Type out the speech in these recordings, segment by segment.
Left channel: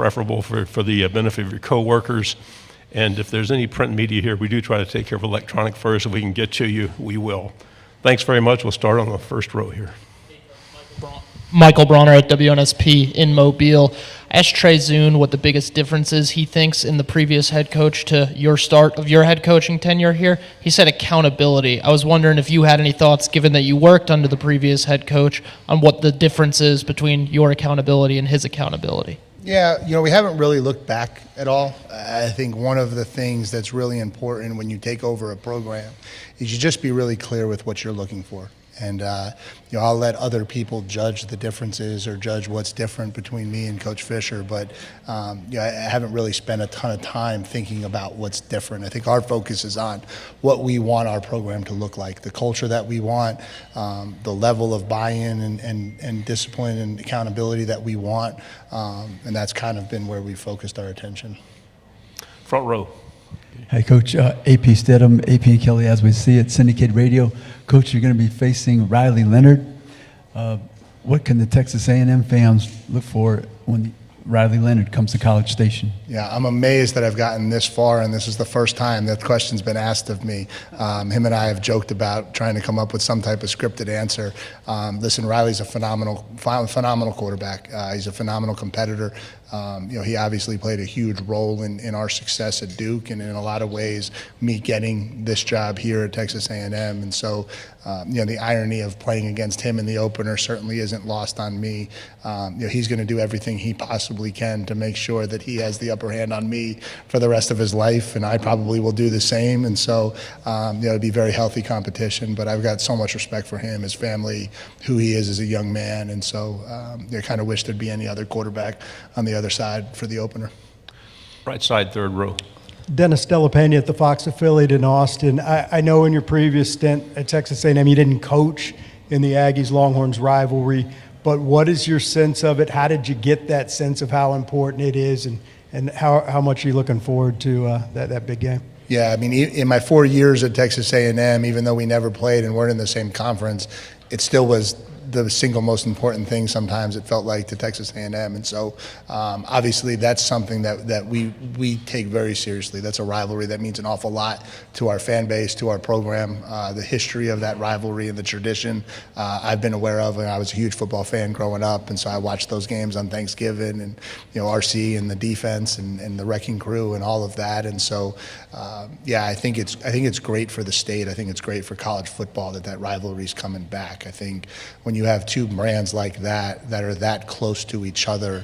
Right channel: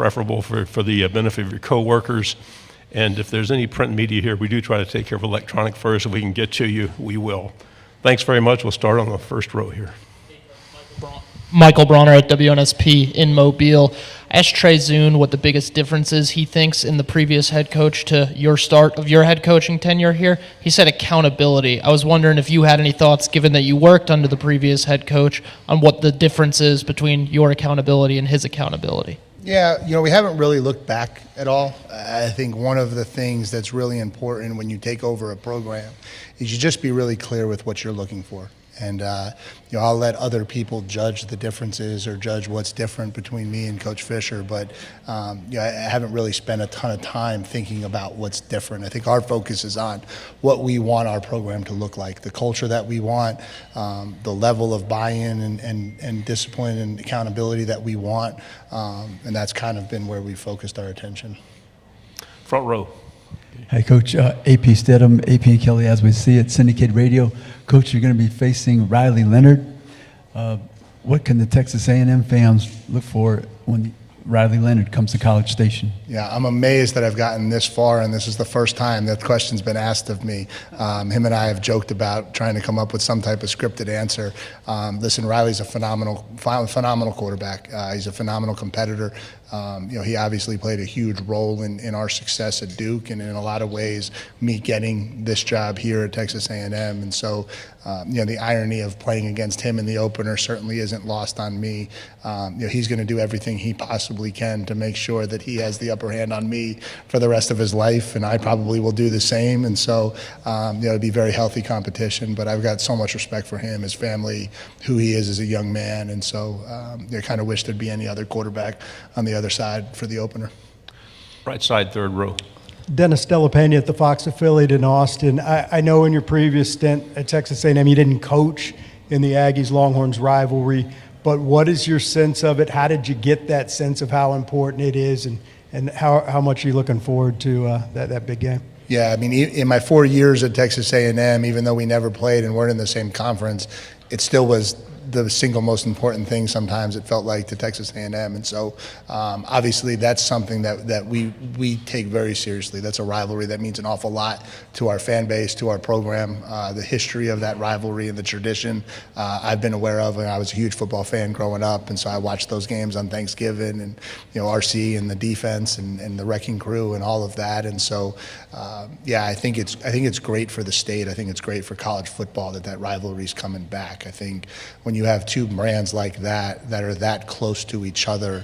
preferable for the benefit of your coworkers. And if there's any print media here, we do try to take care of electronic first. If we can get to you, we will. Thanks very much. We'll start on the first row here. Michael Bronner at WNSP in Mobile. I asked Trey Zune what the biggest difference is he thinks in the previous head coach to your start of your head coaching tenure here. He said accountability. I was wondering if you had any thoughts, given that you worked under the previous head coach, on what the difference is between your accountability and his accountability. Yeah, we haven't really looked back at all. I think one of the things that's really important when you take over a program is you just be really clear with what you're looking for. And, I'll let other people judge the differences or judge what's different between me and Coach Fisher. But, I haven't really spent a ton of time thinking about what's different. I think our focus is on what we want our program to look like, the culture that we want, the level of buy-in and discipline and accountability that we want. And that's kind of been where we focused our attention. Front row. Hi, Coach. AP Stedham, AP and Kelly, as we see it, syndicated radio. Coach, you're going to be facing Riley Leonard. What can the Texas A&M fans look for when Riley Leonard comes to College Station? Yeah, I'm amazed that I've gotten this far, and this is the first time that question's been asked of me. Him and I have joked about trying to come up with some type of scripted answer. Listen, Riley's a phenomenal quarterback. He's a phenomenal competitor. He obviously played a huge role in our success at Duke, and in a lot of ways, me getting this job here at Texas A&M. And so, the irony of playing against him in the opener certainly isn't lost on me. He's going to do everything he possibly can to make sure that he has the upper hand on me for the rest of his life, and I probably will do the same. And so, it'll be very healthy competition. But I've got so much respect for him, his family, who he is as a young man, and so I kind of wish there'd be any other quarterback on the other side for the opener. Right side, third row. Dennis Delapena at the Fox affiliate in Austin. I know in your previous stint at Texas A&M you didn't coach in the Aggies-Longhorns rivalry, but what is your sense of it? How did you get that sense of how important it is, and how much are you looking forward to that big game? Yeah, I mean, in my 4 years at Texas A&M, even though we never played and weren't in the same conference, it still was the single most important thing sometimes it felt like to Texas A&M. And so obviously that's something that we take very seriously. That's a rivalry that means an awful lot to our fan base, to our program. The history of that rivalry and the tradition I've been aware of, and I was a huge football fan growing up, and so I watched those games on Thanksgiving, and RC and the defense and the wrecking crew and all of that. And so I think it's great for the state. I think it's great for college football that rivalry is coming back. I think when you have two brands like that are that close to each other,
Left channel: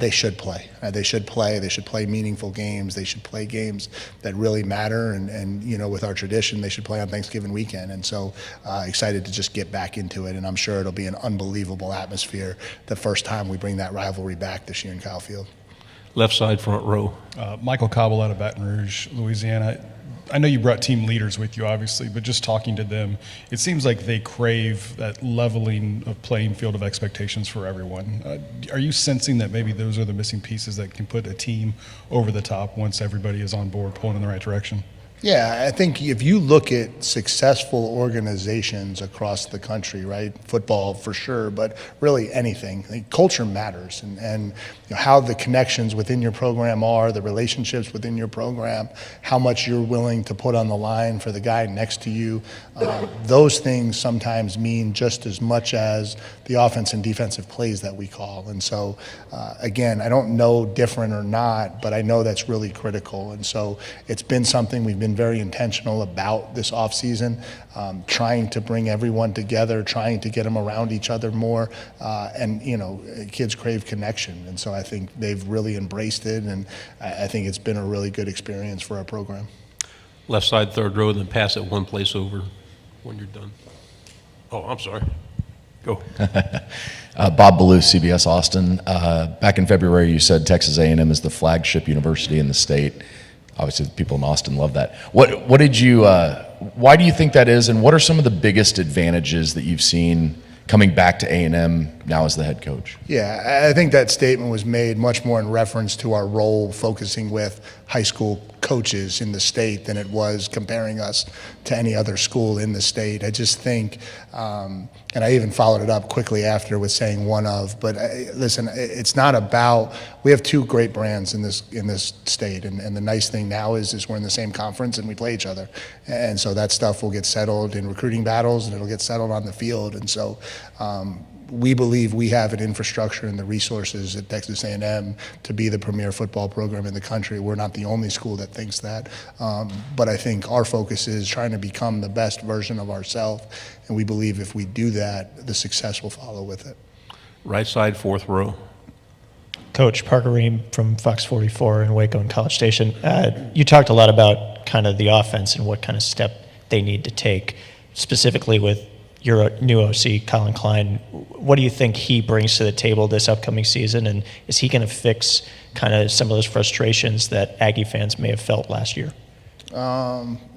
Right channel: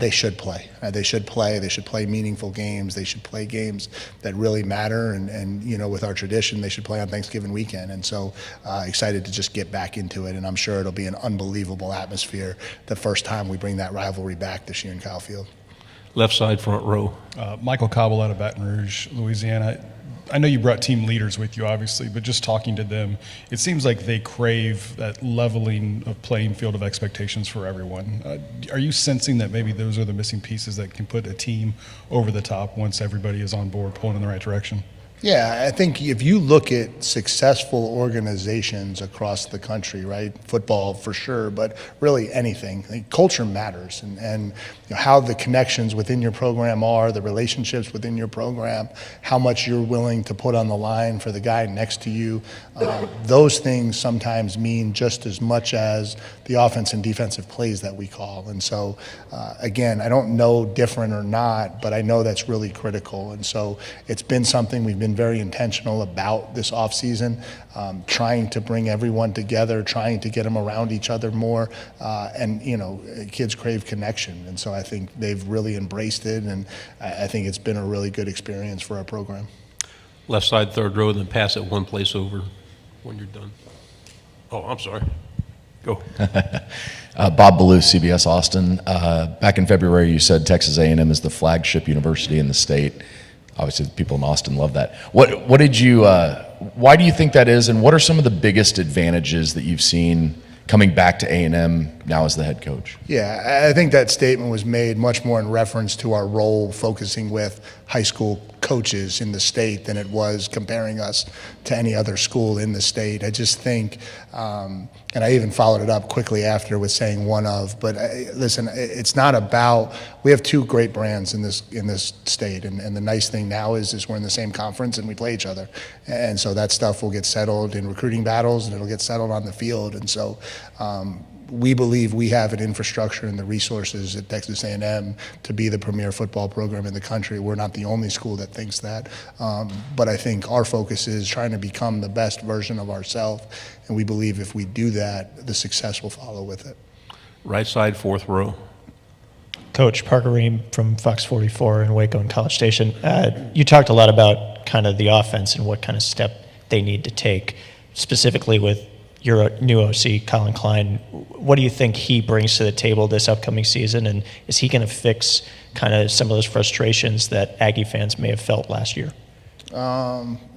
they should play. They should play meaningful games. They should play games that really matter. And with our tradition, they should play on Thanksgiving weekend. And so excited to just get back into it. And I'm sure it'll be an unbelievable atmosphere the first time we bring that rivalry back this year in Kyle Field. Left side, front row. Michael Cobble out of Baton Rouge, Louisiana. I know you brought team leaders with you, obviously, but just talking to them, it seems like they crave that leveling of playing field of expectations for everyone. Are you sensing that maybe those are the missing pieces that can put a team over the top once everybody is on board, pulling in the right direction? Yeah, I think if you look at successful organizations across the country, right, football for sure, but really anything, I think culture matters, and how the connections within your program are, the relationships within your program, how much you're willing to put on the line for the guy next to you. Those things sometimes mean just as much as the offense and defensive plays that we call. And so, again, I don't know different or not, but I know that's really critical. And so it's been something we've been very intentional about this offseason, trying to bring everyone together, trying to get them around each other more. And kids crave connection. And so I think they've really embraced it, and I think it's been a really good experience for our program. Left side, third row, then pass it one place over when you're done. Oh, I'm sorry. Go. Bob Ballou, CBS Austin. Back in February, you said Texas A&M is the flagship university in the state. Obviously, the people in Austin love that. What did you? Why do you think that is, and what are some of the biggest advantages that you've seen coming back to A&M now as the head coach? Yeah, I think that statement was made much more in reference to our role focusing with high school coaches in the state than it was comparing us to any other school in the state. I just think, and I even followed it up quickly after with saying one of, but listen, it's not about we have two great brands in this state, and the nice thing now is we're in the same conference and we play each other, and so that stuff will get settled in recruiting battles and it'll get settled on the field, and so we believe we have an infrastructure and the resources at Texas A&M to be the premier football program in the country. We're not the only school that thinks that, but I think our focus is trying to become the best version of ourselves, and we believe if we do that, the success will follow with it. Right side, fourth row. Coach Parker Ream from Fox 44 in Waco and College Station. You talked a lot about kind of the offense and what kind of step they need to take, specifically with your new OC, Colin Klein. What do you think he brings to the table this upcoming season, and is he going to fix kind of some of those frustrations that Aggie fans may have felt last year?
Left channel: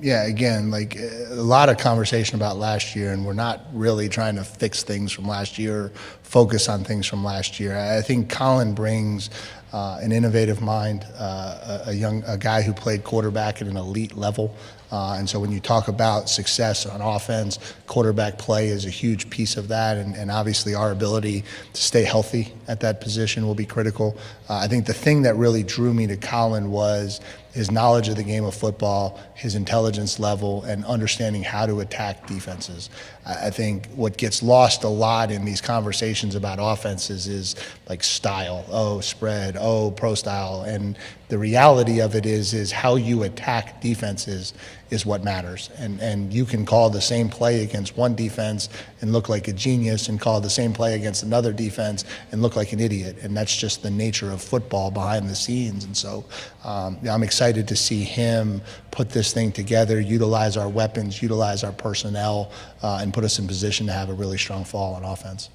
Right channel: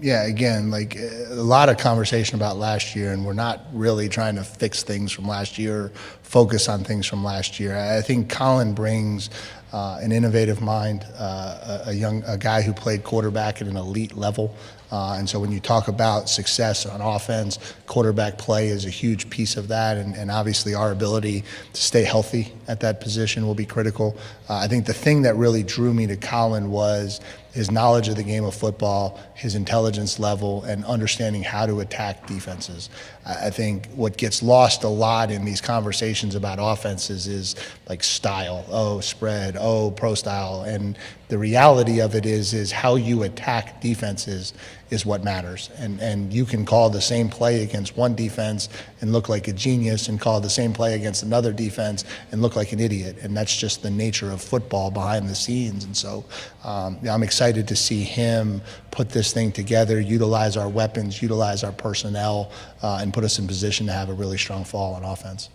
Yeah, again, like a lot of conversation about last year, and we're not really trying to fix things from last year, focus on things from last year. I think Colin brings an innovative mind, a guy who played quarterback at an elite level. And so when you talk about success on offense, quarterback play is a huge piece of that. And obviously our ability to stay healthy at that position will be critical. I think the thing that really drew me to Colin was his knowledge of the game of football, his intelligence level, and understanding how to attack defenses. I think what gets lost a lot in these conversations about offenses is like style, spread, pro style. And the reality of it is how you attack defenses is what matters. And you can call the same play against one defense and look like a genius, and call the same play against another defense and look like an idiot. And that's just the nature of football behind the scenes. And so I'm excited to see him put this thing together, utilize our weapons, utilize our personnel, and put us in position to have a really strong fall on offense.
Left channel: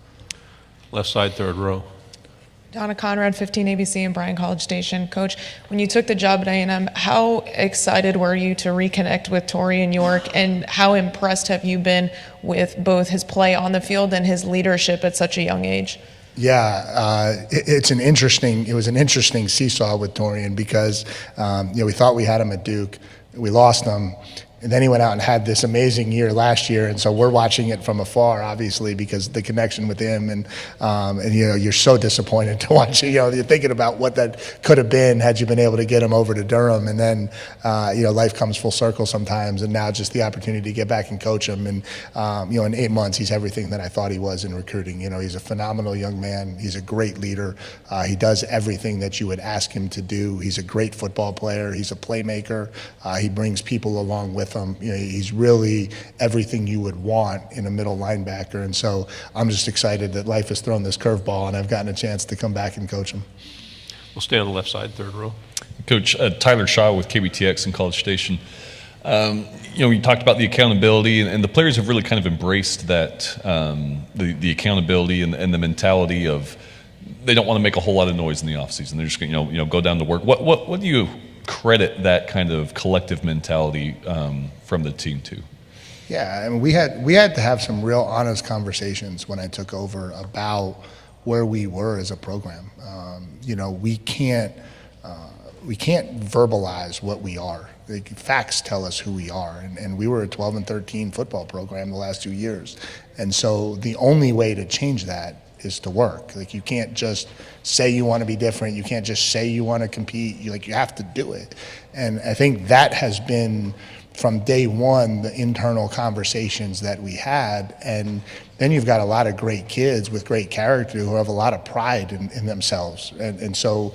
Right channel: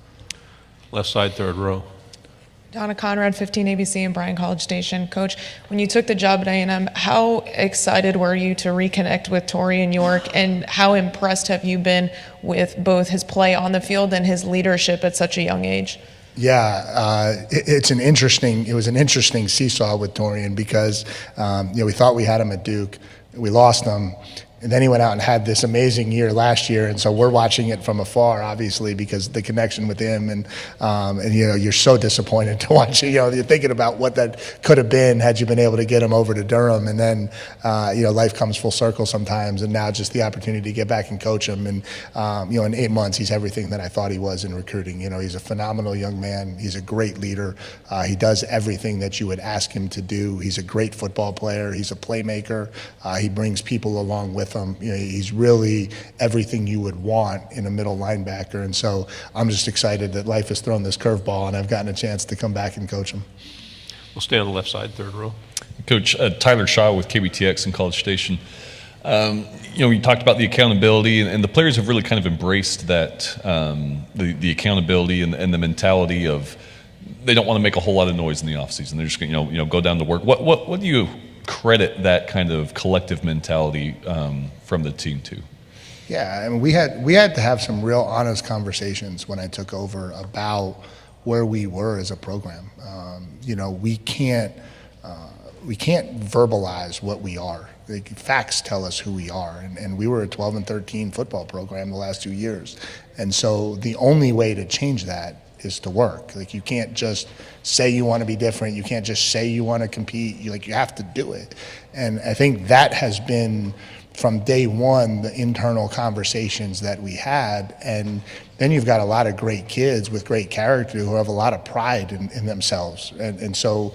Left side, third row. Donna Conrad, 15 ABC and Bryan College Station. Coach, when you took the job at A&M, how excited were you to reconnect with Torian York, and how impressed have you been with both his play on the field and his leadership at such a young age? Yeah, it was an interesting seesaw with Torian because we thought we had him at Duke, we lost him. And then he went out and had this amazing year last year, and so we're watching it from afar, obviously, because the connection with him, and you're so disappointed to watch it. You're thinking about what that could have been had you been able to get him over to Durham, and then life comes full circle sometimes, and now just the opportunity to get back and coach him, and in 8 months he's everything that I thought he was in recruiting. He's a phenomenal young man. He's a great leader. He does everything that you would ask him to do. He's a great football player. He's a playmaker. He brings people along with him. He's really everything you would want in a middle linebacker, and so I'm just excited that life has thrown this curveball and I've gotten a chance to come back and coach him. We'll stay on the left side, third row. Coach, Tyler Shaw with KBTX in College Station. We talked about the accountability, and the players have really kind of embraced that, the accountability and the mentality of they don't want to make a whole lot of noise in the offseason. They're just going to go down to work. What do you credit that kind of collective mentality from the team to? Yeah, and we had to have some real honest conversations when I took over about where we were as a program. We can't verbalize what we are. Facts tell us who we are, and we were a 12-13 football program the last 2 years, and so the only way to change that is to work. You can't just say you want to be different. You can't just say you want to compete. You have to do it. And I think that has been from day one the internal conversations that we had. And then you've got a lot of great kids with great character who have a lot of pride in themselves. And so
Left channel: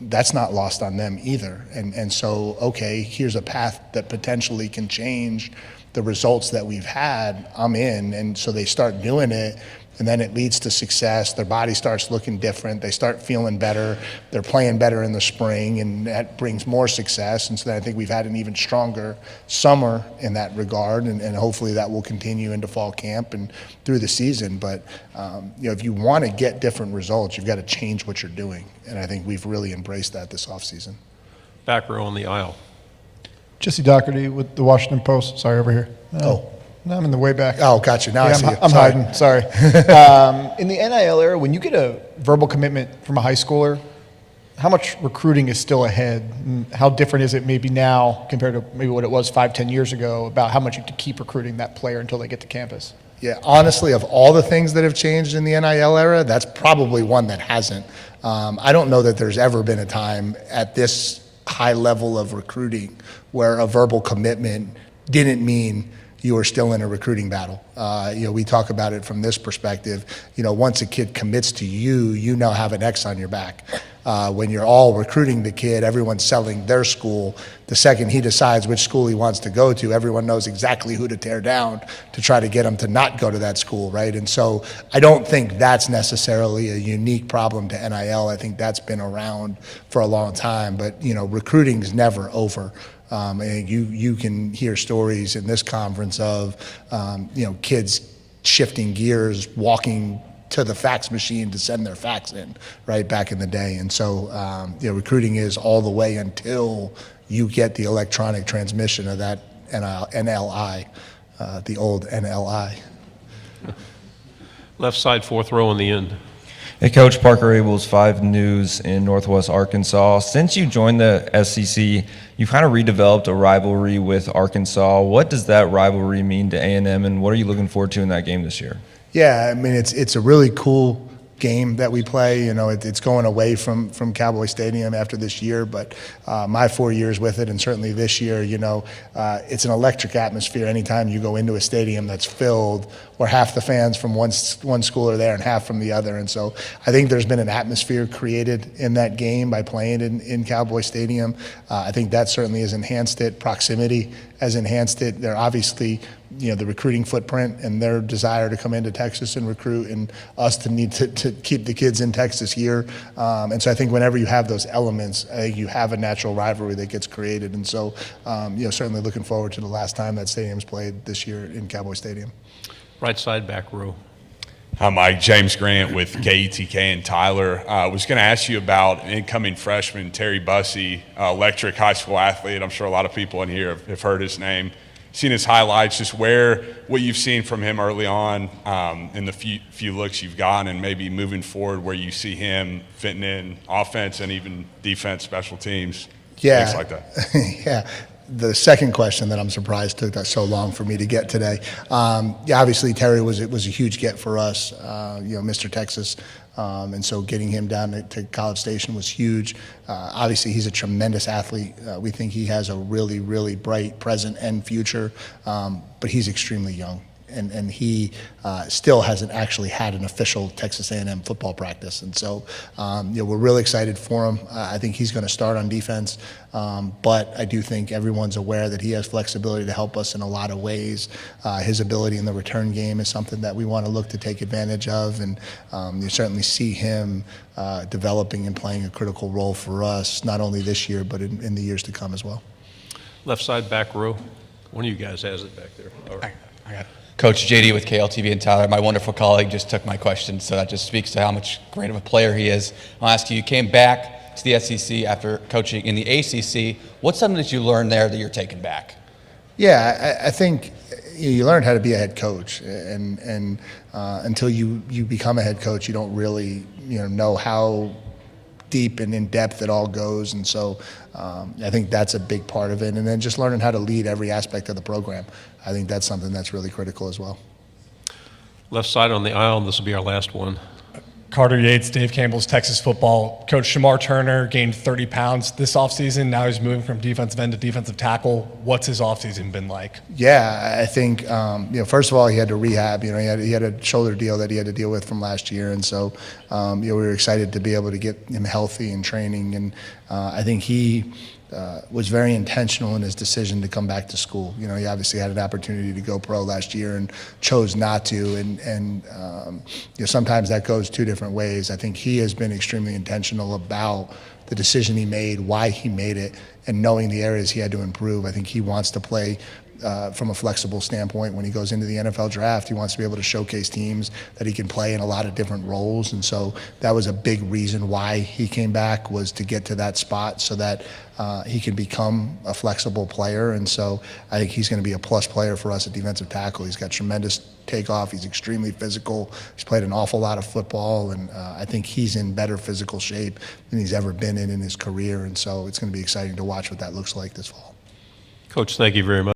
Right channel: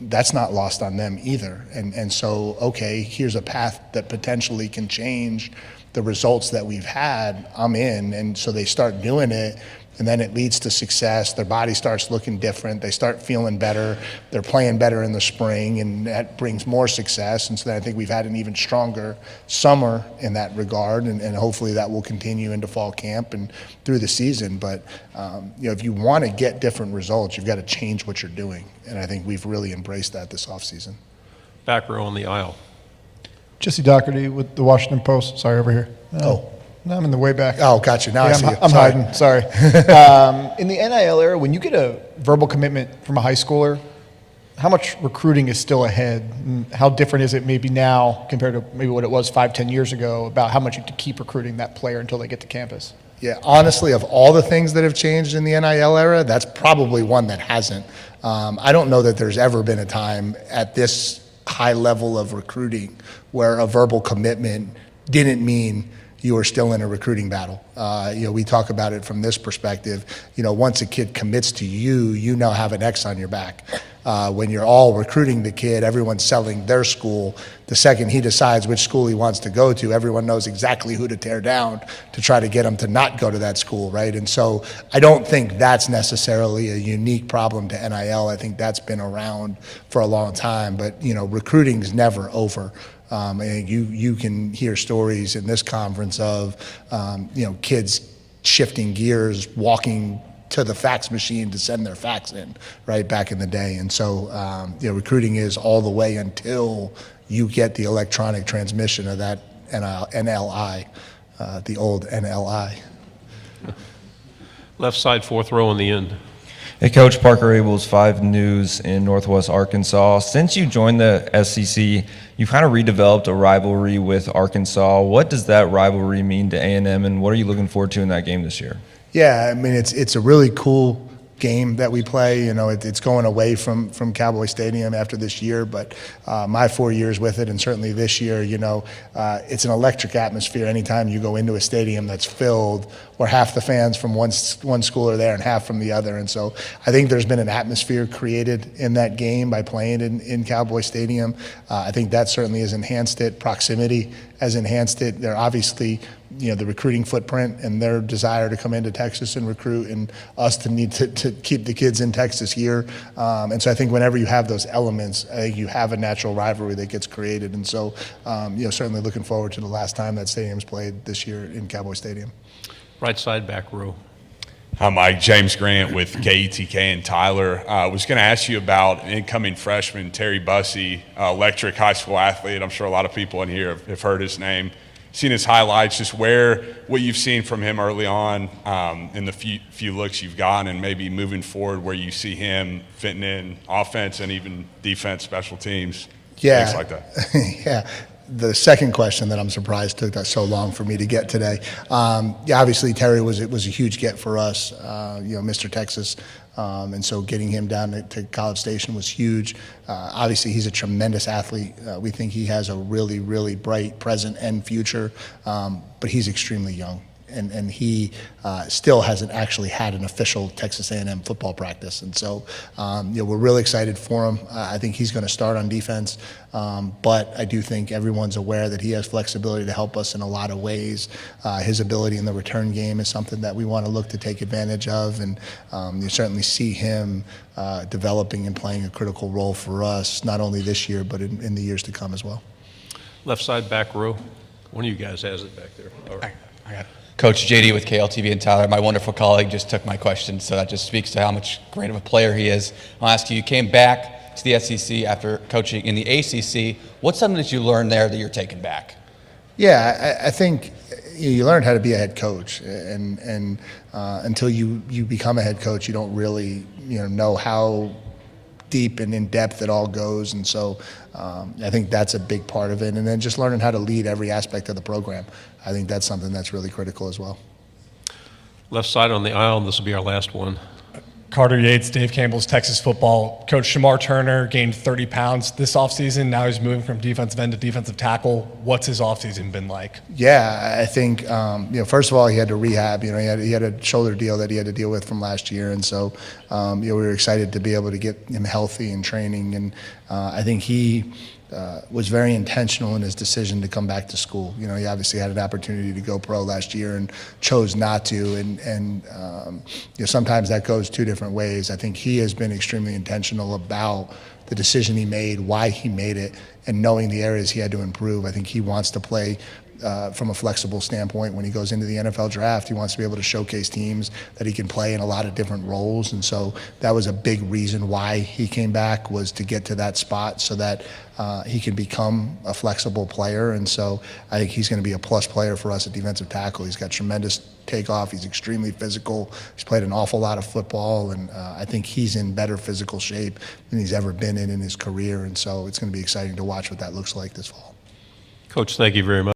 that's not lost on them either. And so, okay, here's a path that potentially can change the results that we've had. I'm in. And so they start doing it. And then it leads to success. Their body starts looking different. They start feeling better. They're playing better in the spring, and that brings more success. And so I think we've had an even stronger summer in that regard, and hopefully that will continue into fall camp and through the season. But if you want to get different results, you've got to change what you're doing. And I think we've really embraced that this offseason. Back row on the aisle. Jesse Doherty with the Washington Post. Sorry, over here. No, I'm in the way back. Oh, gotcha. Now I see you. I'm Sorry. hiding. Sorry. In the NIL era, when you get a verbal commitment from a high schooler, how much recruiting is still ahead? And how different is it maybe now compared to maybe what it was 5-10 years ago about how much you have to keep recruiting that player until they get to campus? Yeah, honestly, of all the things that have changed in the NIL era, that's probably one that hasn't. I don't know that there's ever been a time at this high level of recruiting where a verbal commitment didn't mean you were still in a recruiting battle. We talk about it from this perspective. Once a kid commits to you, you now have an X on your back. When you're all recruiting the kid, everyone's selling their school. The second he decides which school he wants to go to, everyone knows exactly who to tear down to try to get him to not go to that school, right? And so I don't think that's necessarily a unique problem to NIL. I think that's been around for a long time, but recruiting's never over. You can hear stories in this conference of kids shifting gears, walking to the fax machine to send their fax in, right, back in the day. And so recruiting is all the way until you get the electronic transmission of that NLI, the old NLI. Left side, fourth row in the end. Hey, Coach, Parker Abels, 5 News in Northwest Arkansas. Since you joined the SEC, you've kind of redeveloped a rivalry with Arkansas. What does that rivalry mean to A&M, and what are you looking forward to in that game this year? Yeah, I mean, it's a really cool game that we play. It's going away from Cowboy Stadium after this year, but my 4 years with it, and certainly this year, it's an electric atmosphere anytime you go into a stadium that's filled where half the fans from one school are there and half from the other. And so I think there's been an atmosphere created in that game by playing in Cowboy Stadium. I think that certainly has enhanced it. Proximity has enhanced it. They're obviously the recruiting footprint and their desire to come into Texas and recruit, and us to need to keep the kids in Texas here. And so I think whenever you have those elements, I think you have a natural rivalry that gets created. And so, certainly looking forward to the last time that stadium's played this year in Cowboy Stadium. Right side, back row. Hi, Mike. James Grant with KETK and Tyler. I was going to ask you about incoming freshman Terry Bussey, electric high school athlete. I'm sure a lot of people in here have heard his name, seen his highlights, just what you've seen from him early on in the few looks you've gotten, and maybe moving forward where you see him fitting in offense and even defense, special teams, things like that. Yeah. The second question that I'm surprised took that so long for me to get today. Obviously Terry was a huge get for us, Mr. Texas. And so getting him down to College Station was huge. Obviously, he's a tremendous athlete. We think he has a really, really bright present and future, but he's extremely young. And he still hasn't actually had an official Texas A&M football practice. And so, we're really excited for him. I think he's going to start on defense, but I do think everyone's aware that he has flexibility to help us in a lot of ways. His ability in the return game is something that we want to look to take advantage of, and you certainly see him developing and playing a critical role for us, not only this year, but in the years to come as well. Left side, back row. One of you guys has it back there. All right. I got it. Coach JD with KLTV and Tyler, my wonderful colleague, just took my question, so that just speaks to how much great of a player he is. I'll ask you came back to the SEC after coaching in the ACC. What's something that you learned there that you're taking back? Yeah, I think you learn how to be a head coach, and until you become a head coach, you don't really know how deep and in depth it all goes. And so I think that's a big part of it. And then just learning how to lead every aspect of the program. I think that's something that's really critical as well. Left side on the aisle, and this will be our last one. Carter Yates, Dave Campbell's Texas football. Coach Shamar Turner gained 30 pounds this offseason. Now he's moving from defensive end to defensive tackle. What's his offseason been like? Yeah, I think, first of all, he had to rehab. He had a shoulder deal that he had to deal with from last year. And so, we were excited to be able to get him healthy and training. And I think he was very intentional in his decision to come back to school. He obviously had an opportunity to go pro last year and chose not to. And sometimes that goes two different ways. I think he has been extremely intentional about the decision he made, why he made it, and knowing the areas he had to improve. I think he wants to play from a flexible standpoint. When he goes into the NFL draft, he wants to be able to showcase teams that he can play in a lot of different roles. And so that was a big reason why he came back, was to get to that spot so that he can become a flexible player. And so I think he's going to be a plus player for us at defensive tackle. He's got tremendous takeoff. He's extremely physical. He's played an awful lot of football, and I think he's in better physical shape than he's ever been in his career. And so it's going to be exciting to watch what that looks like this fall. Coach, thank you very much.